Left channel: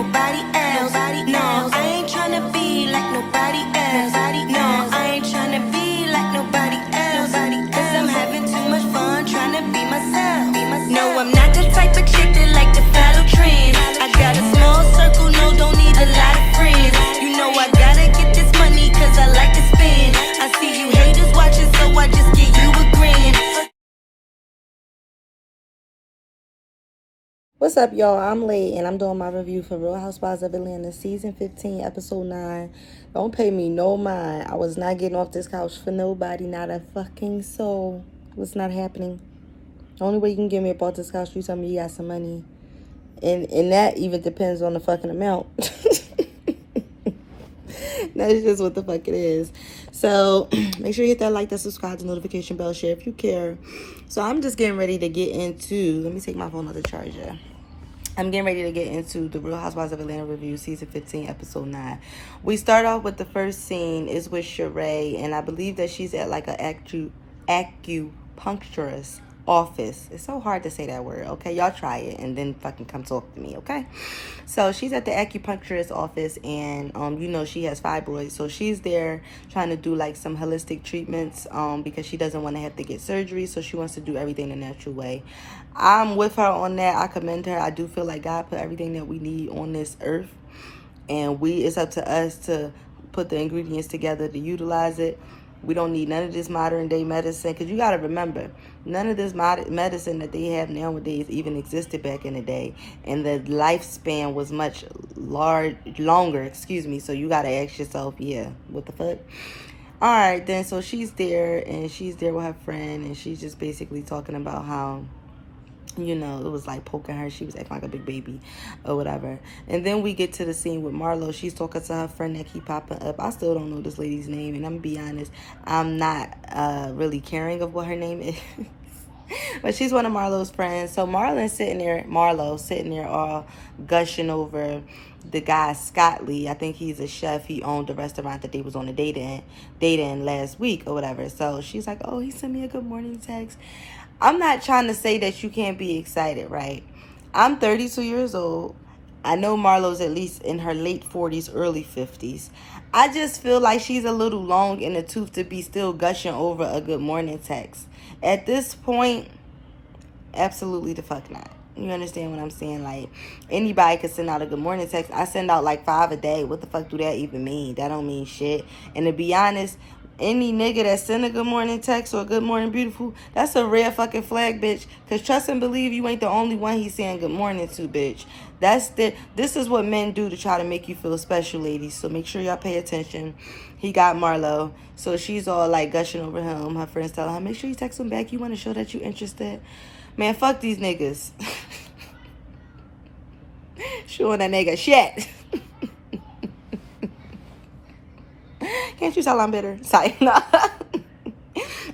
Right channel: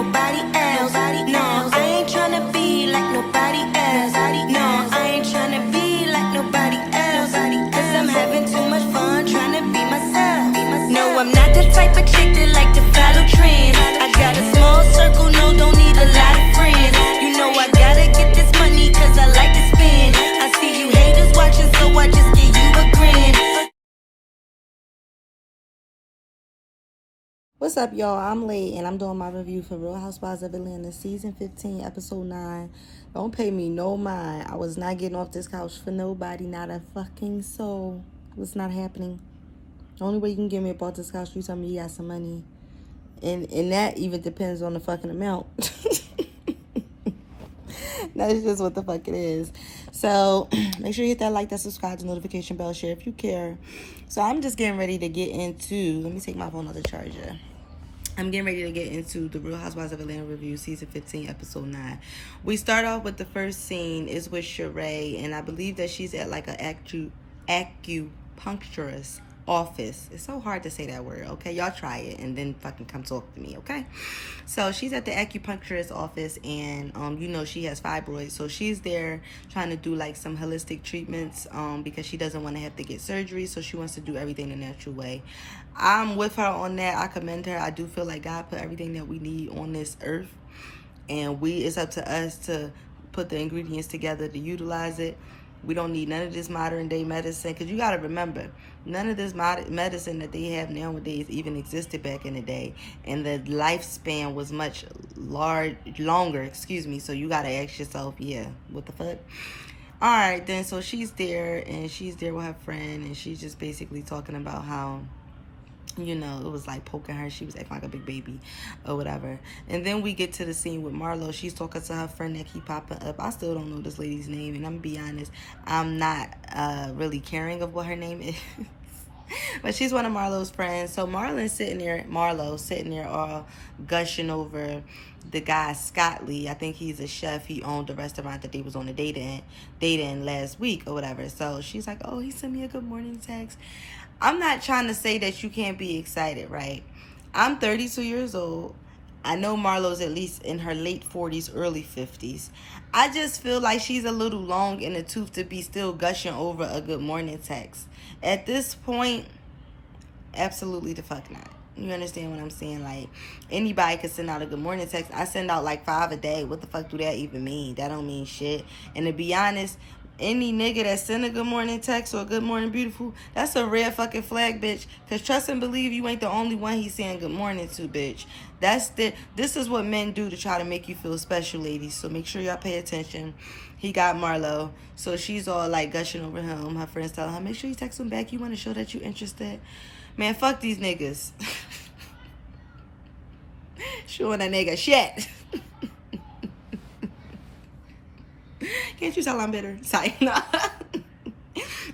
nobody else. No, I ain't tryna be like nobody else. No, I ain't tryna be like nobody else. Cause I'm having too much fun trying to be myself. No, I'm not the type of chick that like to follow trends. I got a small circle, no, don't need a lot of friends. You know I gotta get this money cause I like to spend. I see you haters watching, so I just give you a grin. What's up, y'all? I'm late, and I'm doing my review for Real Housewives of Atlanta, Season 15, Episode 9. Don't pay me no mind. I was not getting off this couch for nobody, not a fucking soul. What's not happening? The only way you can get me up off this couch, you tell me you got some money. And that even depends on the fucking amount. That's just what the fuck it is. So make sure you hit that like, that subscribe, the notification bell, share if you care. So I'm just getting ready to get into, let me take my phone off the charger. I'm getting ready to get into the Real Housewives of Atlanta review, Season 15, Episode 9. We start off with the first scene is with Sheree, and I believe that she's at like an acupuncturist office. It's so hard to say that word, okay? Y'all try it and then fucking come talk to me, okay? So she's at the acupuncturist office, and you know she has fibroids, so she's there trying to do like some holistic treatments because she doesn't want to have to get surgery, so she wants to do everything the natural way. I'm with her on that. I commend her. I do feel like God put everything that we need on this earth, and it's up to us to put the ingredients together to utilize it. We don't need none of this modern day medicine, because you got to remember, none of this medicine that they have nowadays even existed back in the day, and the lifespan was much longer, so you got to ask yourself, yeah, what the fuck? All right, then, so she's there, and she's there with her friend, and she's just basically talking about how, you know, it was like poking her. She was acting like a big baby or whatever. And then we get to the scene with Marlo. She's talking to her friend that keep popping up. I still don't know this lady's name, and I'm gonna be honest, I'm not really caring of what her name is. But she's one of Marlo's friends. So Marlo sitting there all gushing over the guy Scott Lee. I think he's a chef. He owned the restaurant that they was on a date in last week or whatever. So she's like, oh, he sent me a good morning text. I'm not trying to say that you can't be excited, right? I'm 32 years old. I know Marlo's at least in her late 40s, early 50s. I just feel like she's a little long in the tooth to be still gushing over a good morning text. At this point, absolutely the fuck not. You understand what I'm saying? Like, anybody could send out a good morning text. I send out like 5 a day. What the fuck do that even mean? That don't mean shit. And to be honest, any nigga that send a good morning text or good morning beautiful, that's a red fucking flag, bitch. Because trust and believe, you ain't the only one he's saying good morning to, bitch. This is what men do to try to make you feel special, ladies. So make sure y'all pay attention. He got Marlo. So she's all like gushing over him. Her friends tell her, make sure you text him back. You want to show that you interested. Man, fuck these niggas. Showing that nigga shit. Can't you tell I'm bitter? Sorry. No.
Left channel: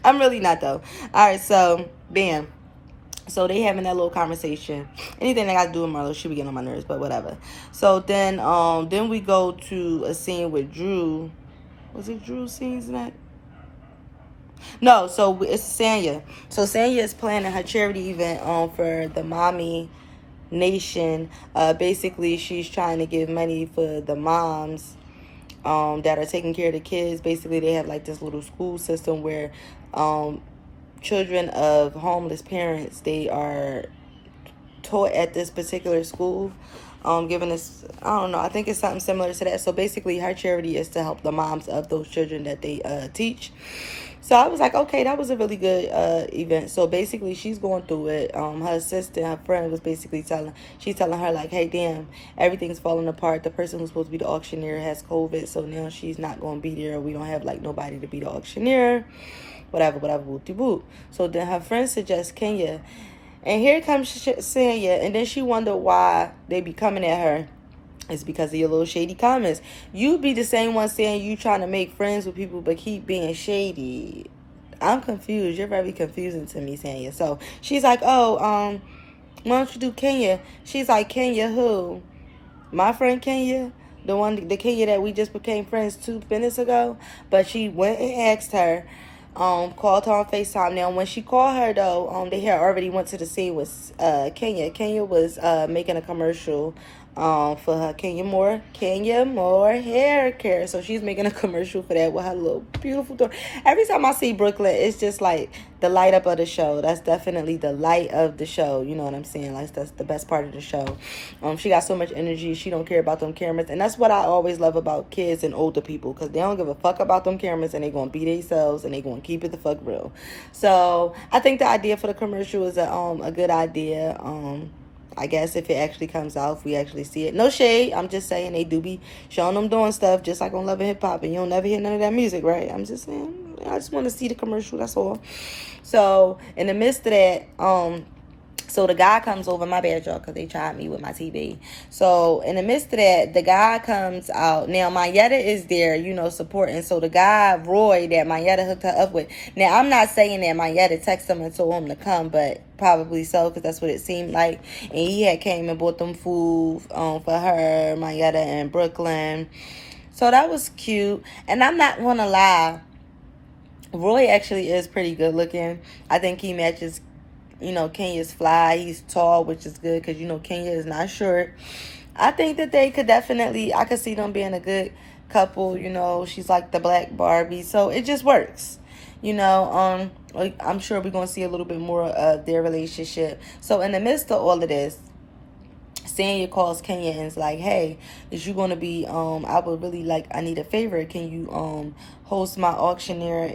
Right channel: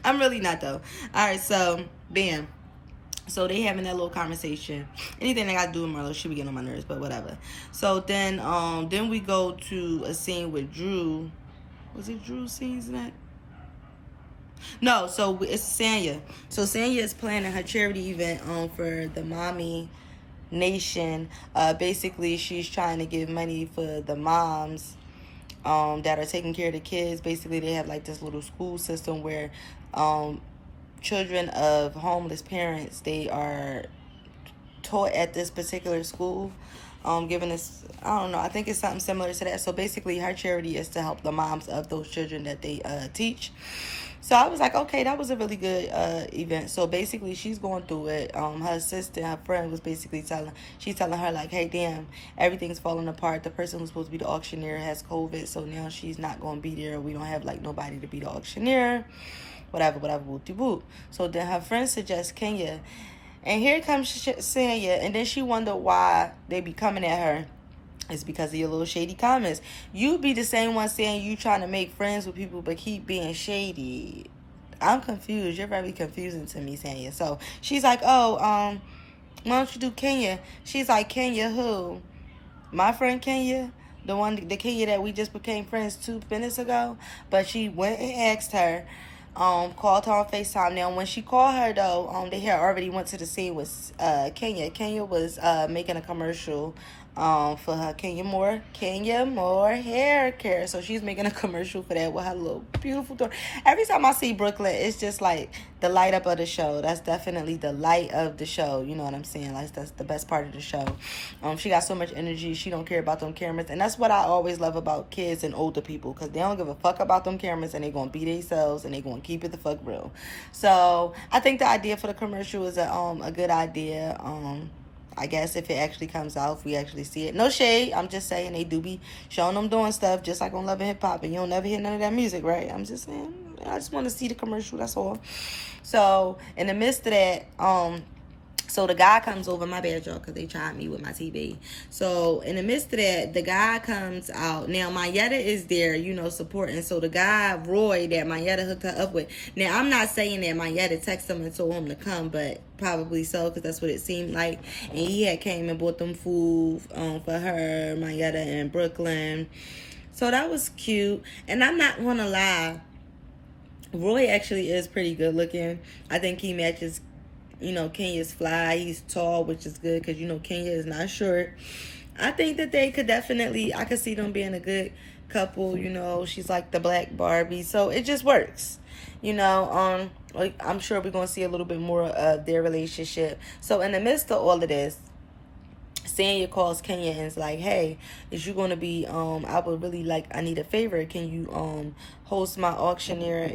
I'm really not, though. All right, so, bam. So they having that little conversation. Anything that got to do with Marlo, she be getting on my nerves, but whatever. So then we go to a scene with Drew. Was it Drew's scenes in that? No, so it's Sanya. So Sanya is planning her charity event for the Mommy Nation. Basically, she's trying to give money for the moms that are taking care of the kids. Basically, they have like this little school system where children of homeless parents, they are taught at this particular school, giving us, I don't know, I think it's something similar to that. So basically, her charity is to help the moms of those children that they teach. So I was like, okay, that was a really good event. So basically, she's going through it. Her assistant, her friend, was basically telling her like, hey, damn, everything's falling apart. The person who's supposed to be the auctioneer has COVID, so now she's not going to be there. We don't have like nobody to be the auctioneer. Whatever, whoop-de-whoop. So then her friend suggests Kenya. And here comes Sanya, and then she wondered why they be coming at her. It's because of your little shady comments. You be the same one saying you trying to make friends with people but keep being shady. I'm confused. You're very confusing to me, Sanya. So she's like, oh, why don't you do Kenya? She's like, Kenya who? My friend Kenya? The Kenya that we just became friends 2 minutes ago? But she went and asked her, called her on FaceTime. Now, when she called her, though, they had already went to the scene with Kenya. Kenya was making a commercial for her Kenya Moore hair care. So she's making a commercial for that with her little beautiful daughter. Every time I see Brooklyn, it's just like the light up of the show. That's definitely the light of the show. You know what I'm saying? That's the best part of the show. She got so much energy. She don't care about them cameras. And that's what I always love about kids and older people, because they don't give a fuck about them cameras, and they gonna be themselves, and they gonna keep it the fuck real. So I think the idea for the commercial is a good idea. I guess if it actually comes out, if we actually see it. No shade. I'm just saying they do be showing them doing stuff just like on Love and Hip Hop, and you don't never hear none of that music, right? I'm just saying, I just want to see the commercial, that's all. So in the midst of that, so the guy comes over, my bad, y'all, because they tried me with my TV. So in the midst of that, the guy comes out. Now, Mayetta is there, you know, supporting. So the guy, Roy, that Mayetta hooked her up with. Now, I'm not saying that Mayetta texted him and told him to come, but probably so, because that's what it seemed like. And he had came and bought them food for her, Mayetta, and Brooklyn. So that was cute. And I'm not going to lie, Roy actually is pretty good looking. I think he matches, you know, Kenya's fly. He's tall, which is good, because, you know, Kenya is not short. I think that they could definitely, I could see them being a good couple. You know, she's like the Black Barbie. So it just works. You know, I'm sure we're going to see a little bit more of their relationship. So in the midst of all of this, Sanya calls Kenya and is like, hey, is you going to be, I would really like, I need a favor. Can you host my auctioneer,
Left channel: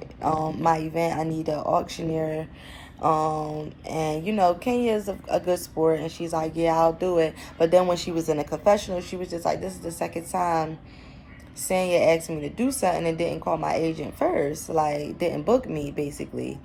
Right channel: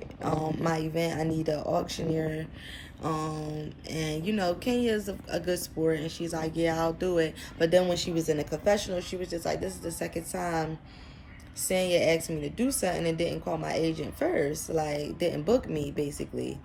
my event? I need an auctioneer. And you know, Kenya is a good sport, and she's like, yeah, I'll do it. But then when she was in a confessional, she was just like, this is the second time Sanya asked me to do something and didn't call my agent first, like didn't book me, basically.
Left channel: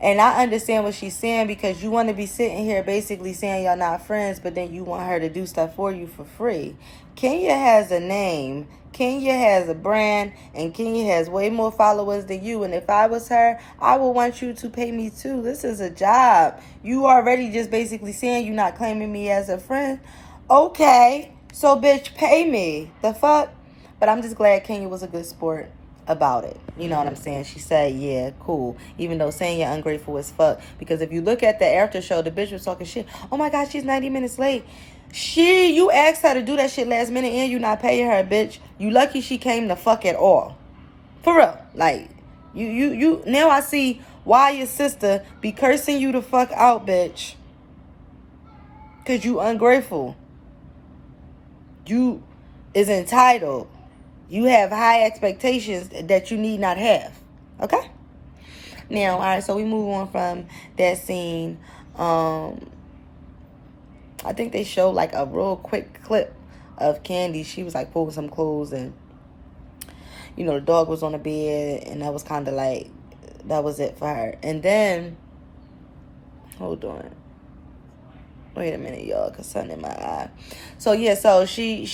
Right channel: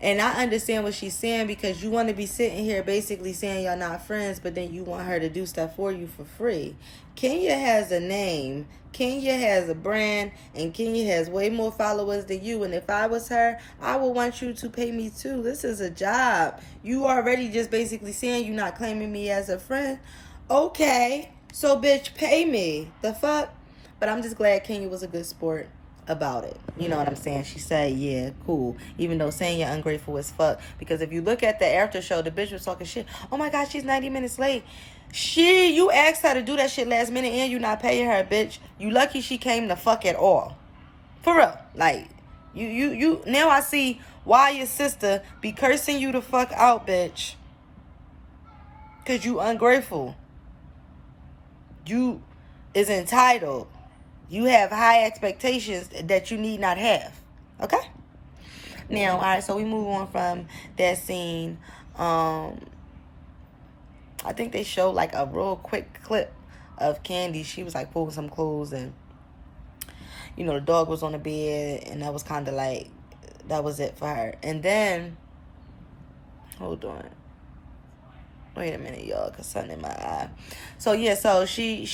And I understand what she's saying, because you want to be sitting here basically saying y'all not friends, but then you want her to do stuff for you for free. Kenya has a name, Kenya has a brand, and Kenya has way more followers than you. And if I was her, I would want you to pay me too. This is a job. You already just basically saying you're not claiming me as a friend. Okay, so bitch, pay me. The fuck? But I'm just glad Kenya was a good sport about it. You know what I'm saying? She said, yeah, cool. Even though saying you're ungrateful as fuck. Because if you look at the after show, the bitch was talking shit. Oh my God, she's 90 minutes late. You asked her to do that shit last minute and you not paying her, bitch. You lucky she came the fuck at all. For real. Like, you now I see why your sister be cursing you the fuck out, bitch. Cause you ungrateful. You is entitled. You have high expectations that you need not have. Okay? Now, all right, so we move on from that scene. I think they showed like a real quick clip of Candy. She was like pulling some clothes, and, you know, the dog was on the bed, and that was kind of like, that was it for her. And then, hold on. Wait a minute, y'all, cause something in my eye. So yeah, so she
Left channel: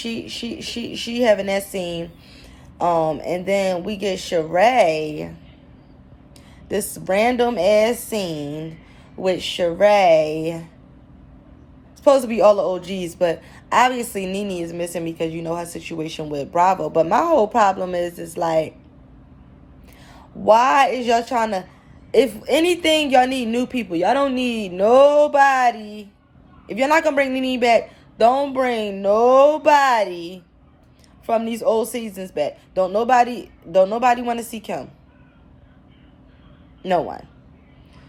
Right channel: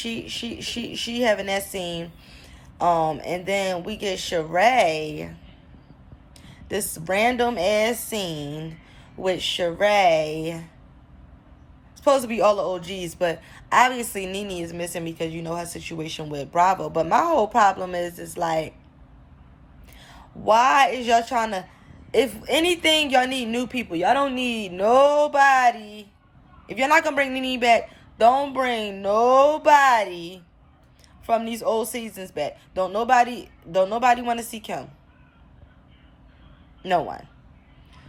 having that scene, and then we get Sheree. This random ass scene with Sheree. Supposed to be all the OGs, but obviously Nene is missing because you know her situation with Bravo. But my whole problem is like, why is y'all trying to? If anything, y'all need new people. Y'all don't need nobody. If you're not gonna bring Nene back, don't bring nobody from these old seasons back. Don't nobody want to see Kim. No one.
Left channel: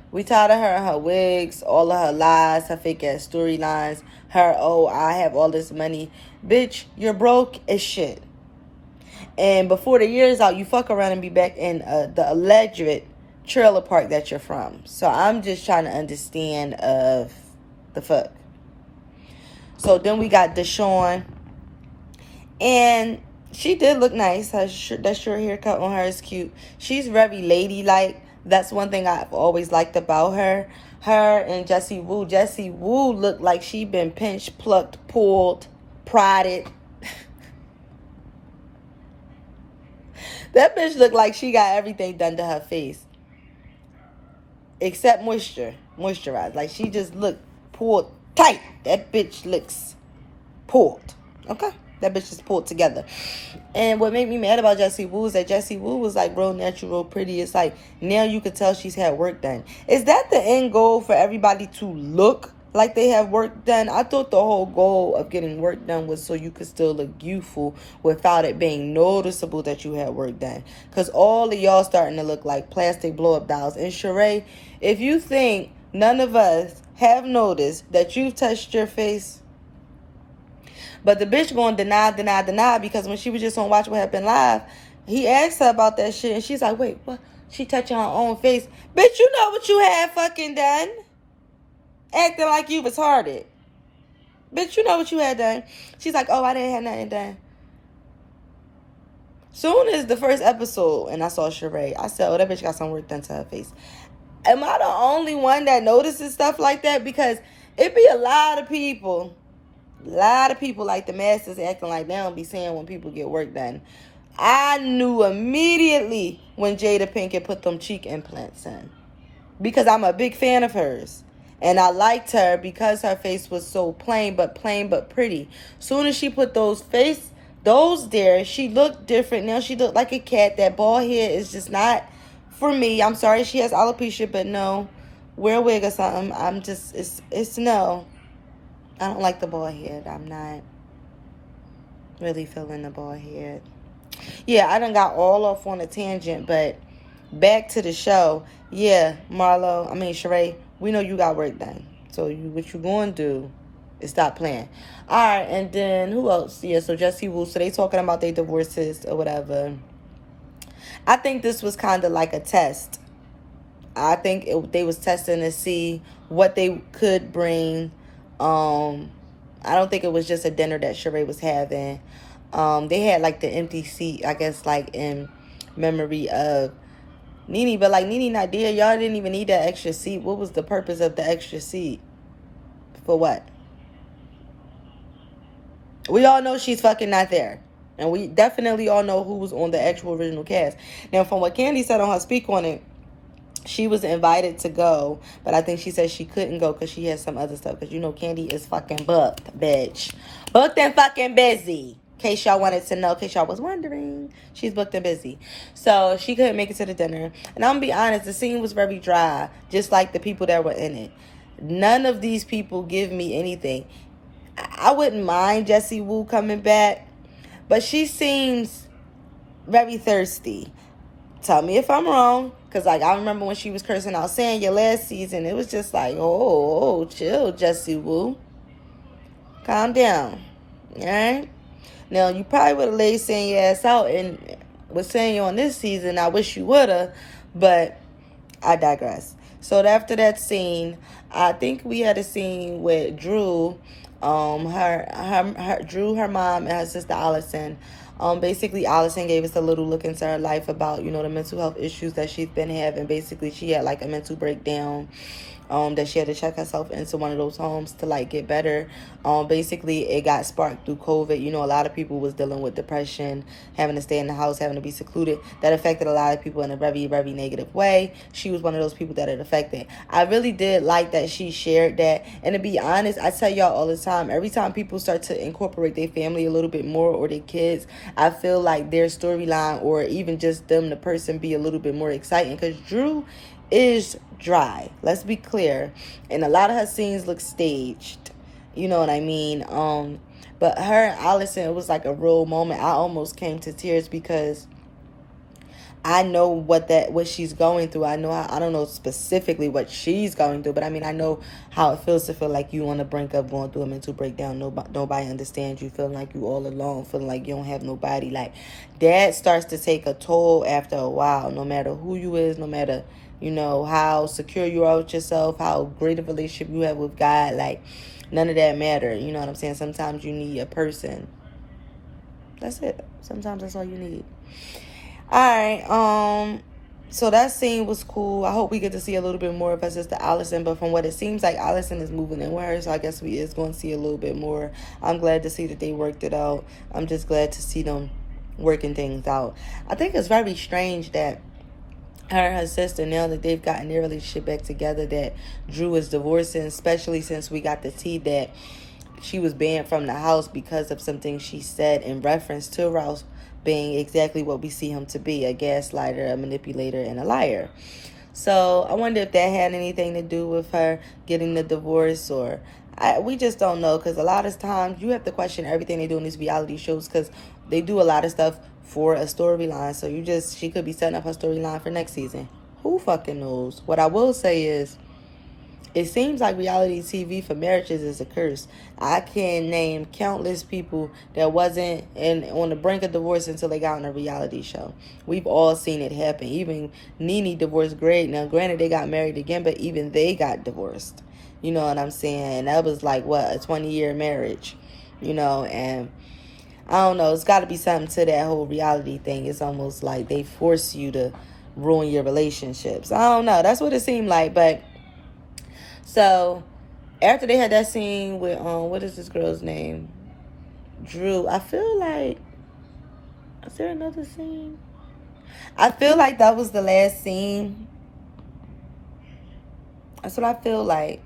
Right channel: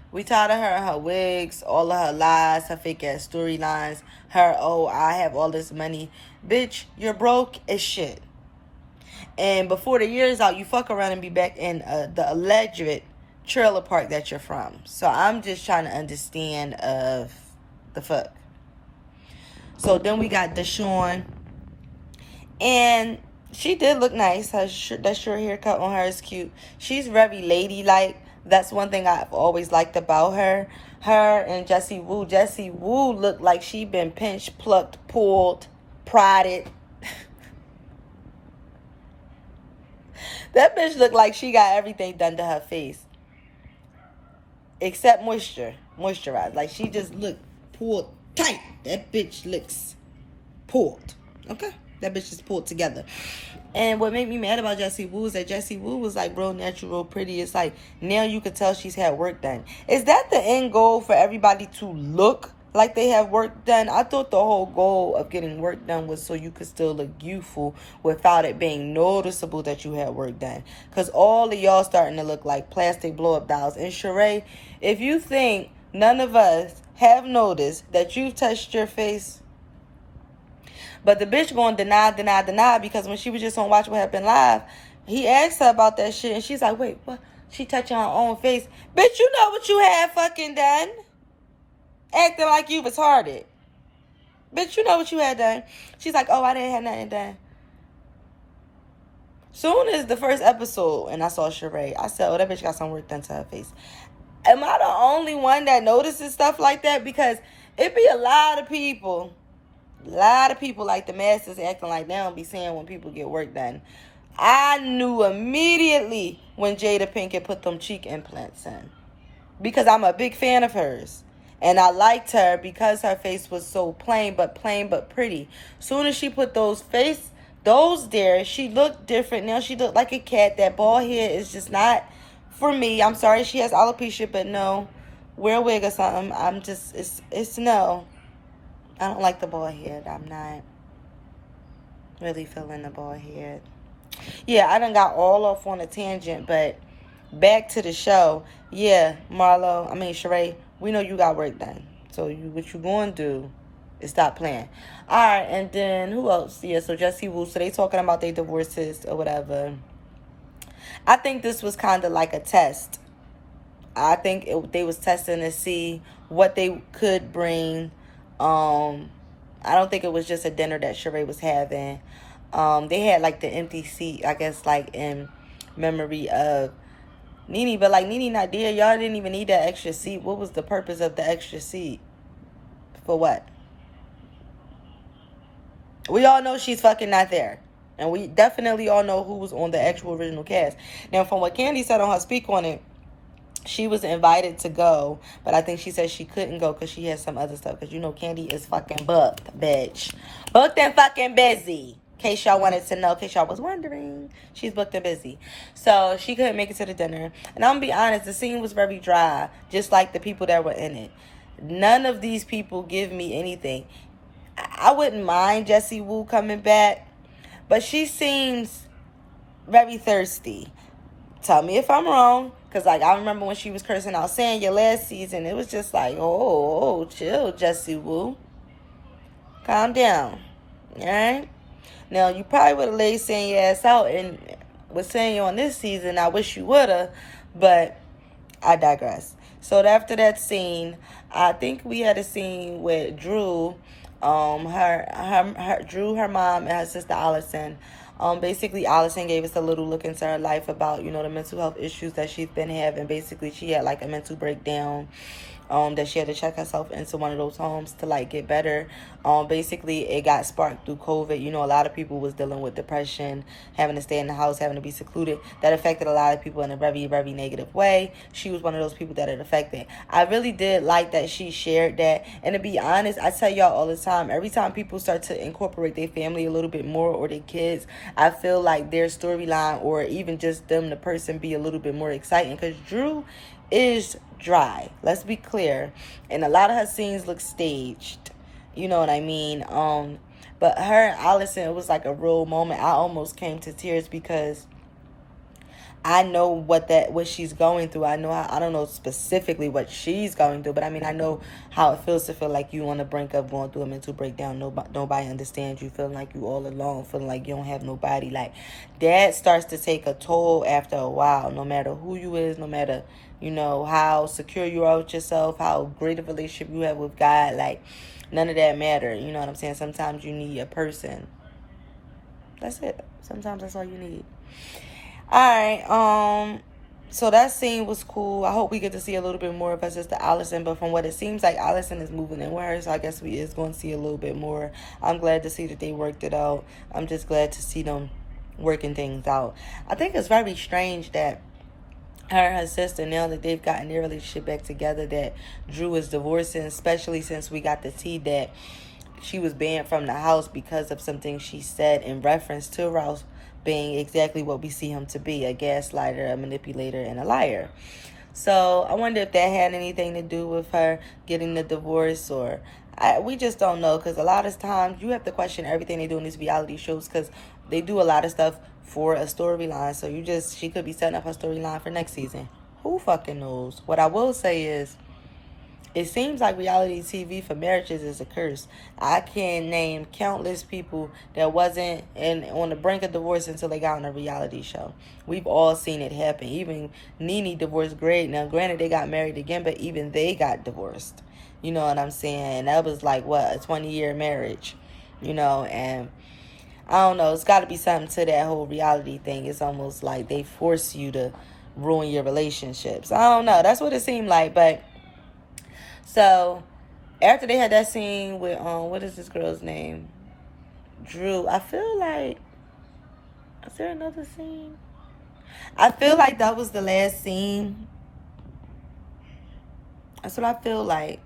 We tired of her and her wigs, all of her lies, her fake ass storylines, her, oh, I have all this money. Bitch, you're broke as shit. And before the year's out, you fuck around and be back in the alleged trailer park that you're from. So I'm just trying to understand of the fuck. So then we got Deshawn, and she did look nice. That short haircut on her is cute. She's very ladylike. That's one thing I've always liked about her. Her and Jessie Woo. Jessie Woo looked like she been pinched, plucked, pulled, prodded. That bitch looked like she got everything done to her face. Except moisturized. Like she just looked pulled tight. That bitch looks pulled. Okay? That bitch is pulled together. And what made me mad about Jessie Woo is that Jessie Woo was like real natural, real pretty. It's like now you could tell she's had work done. Is that the end goal for everybody to look like they have work done. I thought the whole goal of getting work done was so you could still look youthful without it being noticeable that you had work done. Because all of y'all starting to look like plastic blow-up dolls. And Sheree, if you think none of us have noticed that you've touched your face, but the bitch gonna deny, because when she was just on Watch What Happened Live, he asked her about that shit, and she's like, wait, what? She touching her own face. Bitch, you know what you had fucking done. Acting like you was retarded. Bitch, you know what you had done. She's like, oh, I didn't have nothing done. Soon as the first episode, and I saw Sheree, I said, oh, that bitch got some work done to her face. Am I the only one that notices stuff like that? Because it be a lot of people like the masses acting like they don't be saying when people get work done. I knew immediately when Jada Pinkett put them cheek implants in, because I'm a big fan of hers, and I liked her because her face was so plain but pretty. Soon as she put those there, she looked different. Now she looked like a cat. That bald head is just not for me. I'm sorry she has alopecia, but no, wear a wig or something. I'm just, it's no. I don't like the bald head. I'm not really feeling the bald head. Yeah, I done got all off on a tangent, but back to the show. Yeah, Sheree, we know you got work done. So what you gonna do is stop playing. All right, and then who else? Yeah, so Jussie Woo. So they talking about their divorces or whatever. I think this was kind of like a test. I think they was testing to see what they could bring. I don't think it was just a dinner that Sheree was having. They had like the empty seat, I guess, like in memory of Nene, but like Nene not there. Y'all didn't even need that extra seat. What was the purpose of the extra seat? For what? We all know she's fucking not there. And we definitely all know who was on the actual original cast. Now, from what Candy said on her speak on it, she was invited to go, but I think she said she couldn't go because she had some other stuff. Because you know Candy is fucking booked, bitch. Booked and fucking busy. In case y'all wanted to know, in case y'all was wondering, she's booked and busy. So she couldn't make it to the dinner. And I'm gonna be honest, the scene was very dry, just like the people that were in it. None of these people give me anything. I wouldn't mind Jussie Woo coming back, but she seems very thirsty. Tell me if I'm wrong, because like I remember when she was cursing out Sanya last season, it was just like, oh, chill, Jussie Woo. Calm down. Alright? Now, you probably would have laid Sanya ass out and was Sanya on this season. I wish you would have, but I digress. So after that scene, I think we had a scene with Drew, Drew, her mom, and her sister Allison. Basically, Allison gave us a little look into her life about, the mental health issues that she's been having. Basically, she had like a mental breakdown, that she had to check herself into one of those homes to like get better. Basically, it got sparked through COVID. A lot of people was dealing with depression, having to stay in the house, having to be secluded. That affected a lot of people in a very, very negative way. She was one of those people that it affected. I really did like that she shared that. And to be honest, I tell y'all all the time, every time people start to incorporate their family a little bit more or their kids, I feel like their storyline or even just them, the person, be a little bit more exciting. Because Drew is dry. Let's be clear. And a lot of her scenes look staged. You know what I mean? But her and Allison, it was like a real moment. I almost came to tears because I know what she's going through. I don't know specifically what she's going through, but I mean, I know how it feels to feel like you on the brink of going through a mental breakdown. Nobody understands you, feeling like you all alone, feeling like you don't have nobody. Like, that starts to take a toll after a while, no matter who you is, no matter, how secure you are with yourself, how great of a relationship you have with God. Like, none of that matter. You know what I'm saying? Sometimes you need a person. That's it. Sometimes that's all you need. Alright, so that scene was cool. I hope we get to see a little bit more of her sister Allison, but from what it seems like, Allison is moving in with her, so I guess we is going to see a little bit more. I'm glad to see that they worked it out. I'm just glad to see them working things out. I think it's very strange that her and her sister, now that they've gotten their relationship back together, that Drew is divorcing, especially since we got the tea that she was banned from the house because of something she said in reference to Ross being exactly what we see him to be, a gaslighter, a manipulator, and a liar. So I wonder if that had anything to do with her getting the divorce, or we just don't know, because a lot of times you have to question everything they do in these reality shows, because they do a lot of stuff for a storyline. So she could be setting up her storyline for next season. Who fucking knows? What I will say is, it seems like reality TV for marriages is a curse. I can name countless people that wasn't on the brink of divorce until they got on a reality show. We've all seen it happen. Even Nene divorced Greg. Now, granted, they got married again, but even they got divorced. You know what I'm saying? That was like, what, a 20-year marriage. You know, and I don't know. It's got to be something to that whole reality thing. It's almost like they force you to ruin your relationships. I don't know. That's what it seemed like, but... So, after they had that scene with, what is this girl's name? Drew. I feel like, is there another scene? I feel like that was the last scene. That's what I feel like.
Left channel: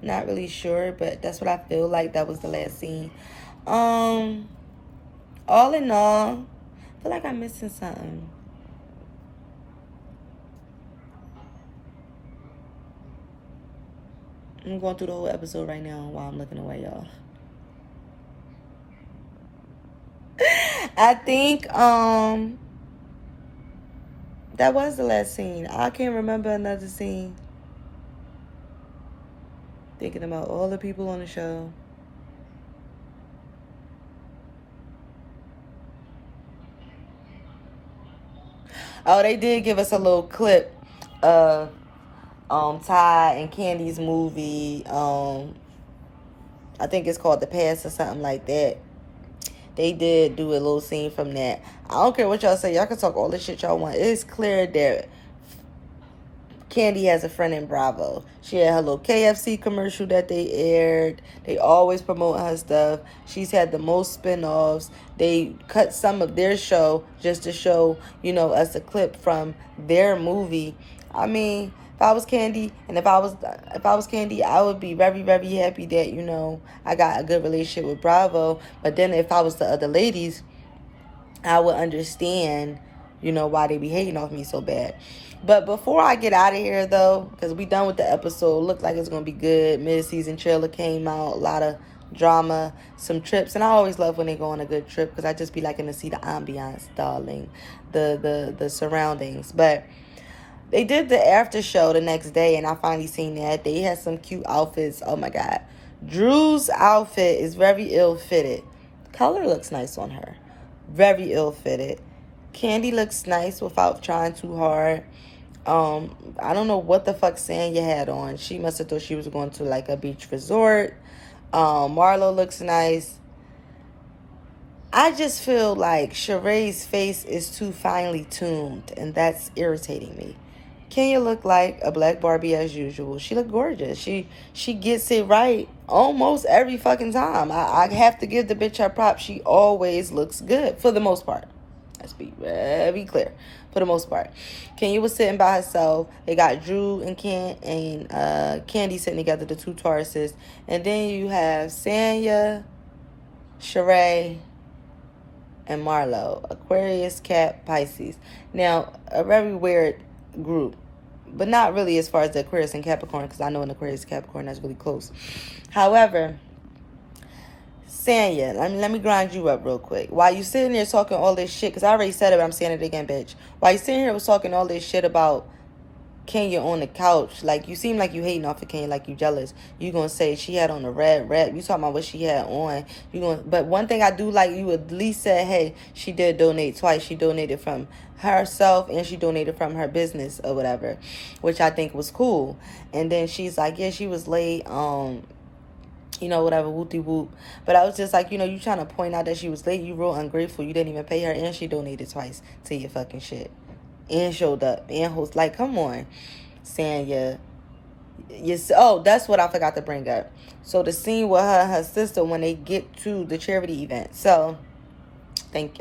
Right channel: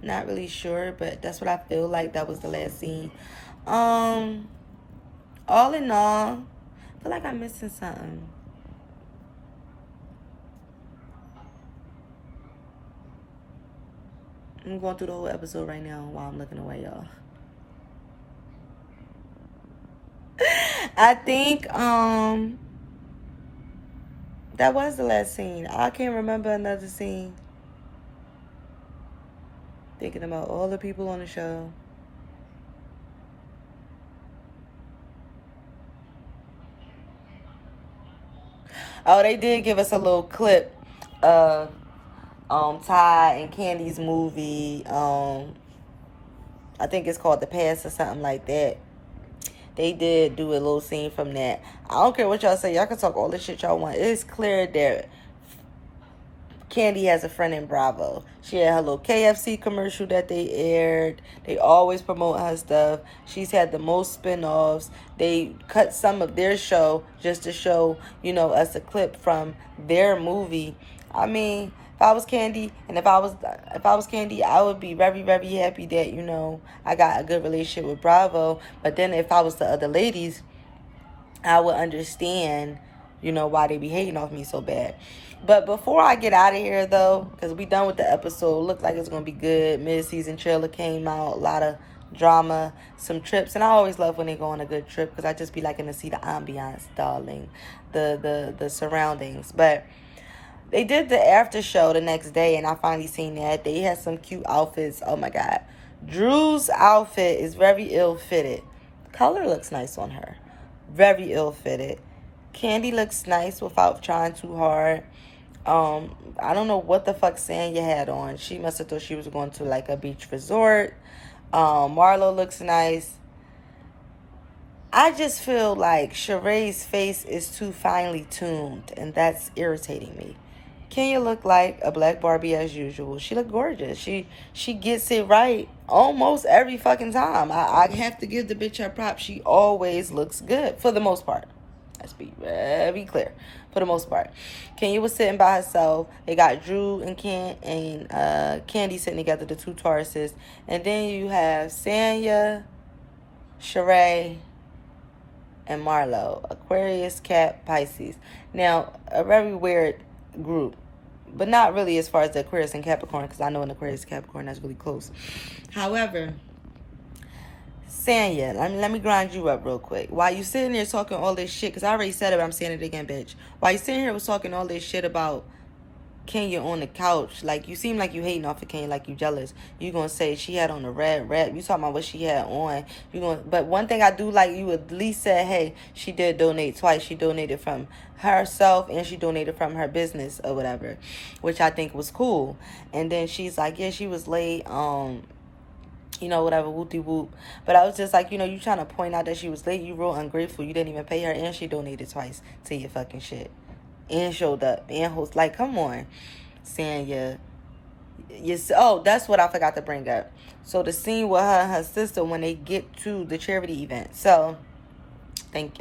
Not really sure, but that's what I feel like. That was the last scene. All in all, I feel like I'm missing something. I'm going through the whole episode right now while I'm looking away, y'all. I think that was the last scene. I can't remember another scene. Thinking about all the people on the show. Oh, they did give us a little clip of Ty and Candy's movie. I think it's called The Past or something like that. They did do a little scene from that. I don't care what y'all say. Y'all can talk all the shit y'all want. It's clear that Candy has a friend in Bravo. She had her little KFC commercial that they aired. They always promote her stuff. She's had the most spin-offs. They cut some of their show just to show, us a clip from their movie. I mean, if I was Candy, and if I was Candy, I would be very, very happy that, I got a good relationship with Bravo. But then if I was the other ladies, I would understand, why they be hating off me so bad. But before I get out of here, though, because we done with the episode, look like it's going to be good. Mid-season trailer came out, a lot of drama, some trips. And I always love when they go on a good trip, because I just be liking to see the ambiance, darling, the surroundings. But they did the after show the next day, and I finally seen that. They had some cute outfits. Oh, my God. Drew's outfit is very ill-fitted. Color looks nice on her. Very ill-fitted. Candy looks nice without trying too hard. I don't know what the fuck Sanya had on. She must have thought she was going to like a beach resort. Marlo looks nice. I just feel like Sheree's face is too finely tuned, and that's irritating me. Kenya looked like a black Barbie as usual. She looked gorgeous. She gets it right almost every fucking time. I have to give the bitch her props. She always looks good for the most part. Let's be very clear. For the most part, Kenya was sitting by herself. They got Drew and Candy sitting together, the two Tauruses. And then you have Sanya, Sheree, and Marlo. Aquarius, Cat, Pisces. Now, a very weird group. But not really as far as the Aquarius and Capricorn, because I know an Aquarius and Capricorn that's really close. However, Sanya, let me grind you up real quick. While you sitting there talking all this shit, because I already said it, but I'm saying it again, bitch. While you sitting here was talking all this shit about Kenya on the couch, like, you seem like you hating off of Kenya, like you jealous. You gonna say she had on a red wrap. You talking about what she had on. But one thing I do like, you at least said, hey, she did donate twice. She donated from herself and she donated from her business or whatever, which I think was cool. And then she's like, yeah, she was late, whatever, whoop-de-whoop. But I was just like, you trying to point out that she was late. You real ungrateful. You didn't even pay her, and she donated twice to your fucking shit. And showed up. And host, like, come on, Sanya. Oh, that's what I forgot to bring up. So the scene with her and her sister when they get to the charity event. So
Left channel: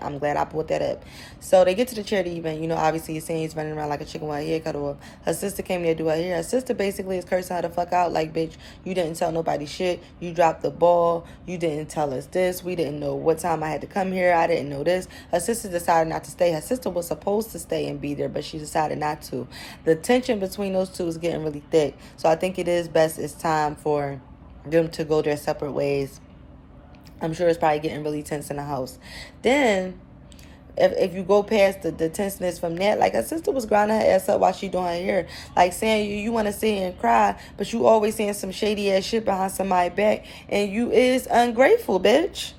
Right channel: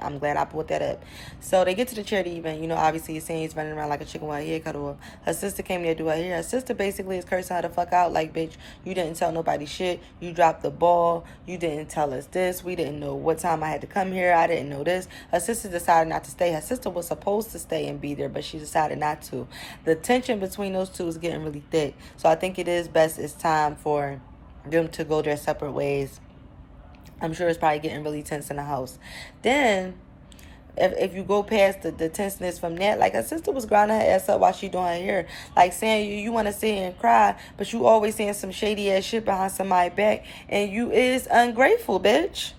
I'm glad I brought that up. So they get to the charity event. You know, obviously he's saying he's running around like a chicken with her hair cut off. Her sister came there to do her hair. Her sister basically is cursing her the fuck out. Like, bitch, you didn't tell nobody shit. You dropped the ball. You didn't tell us this. We didn't know what time I had to come here. I didn't know this. Her sister decided not to stay. Her sister was supposed to stay and be there, but she decided not to. The tension between those two is getting really thick. So I think it is best. It's time for them to go their separate ways. I'm sure it's probably getting really tense in the house. Then, if you go past the tenseness from that, like her sister was grinding her ass up while she doing her hair. Like saying you want to sit here and cry, but you always saying some shady ass shit behind somebody's back. And you is ungrateful, bitch.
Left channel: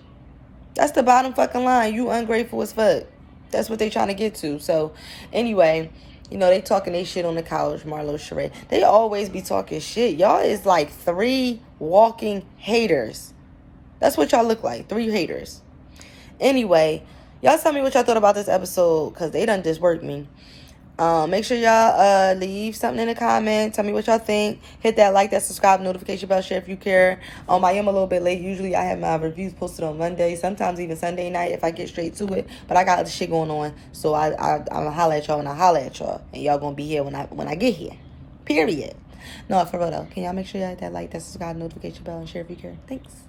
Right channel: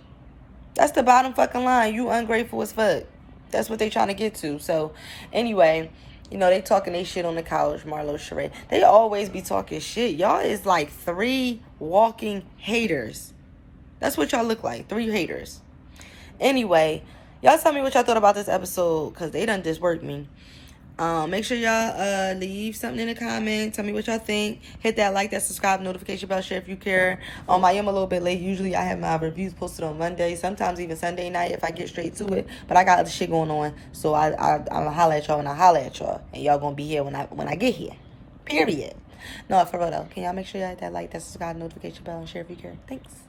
That's the bottom fucking line. You ungrateful as fuck. That's what they trying to get to. So, anyway, you know, they talking they shit on the couch, Marlo, Sheree. They always be talking shit. Y'all is like 3 walking haters. That's what y'all look like. 3 haters. Anyway, y'all tell me what y'all thought about this episode, because they done disworked me. Make sure y'all leave something in the comment. Tell me what y'all think. Hit that like, that subscribe, notification bell, share if you care. I am a little bit late. Usually I have my reviews posted on Monday, sometimes even Sunday night if I get straight to it. But I got other shit going on, so I'm gonna holler at y'all when I holler at y'all, and y'all gonna be here when I get here. Period. No, for real though. Can y'all make sure y'all hit that like, that subscribe, notification bell, and share if you care? Thanks.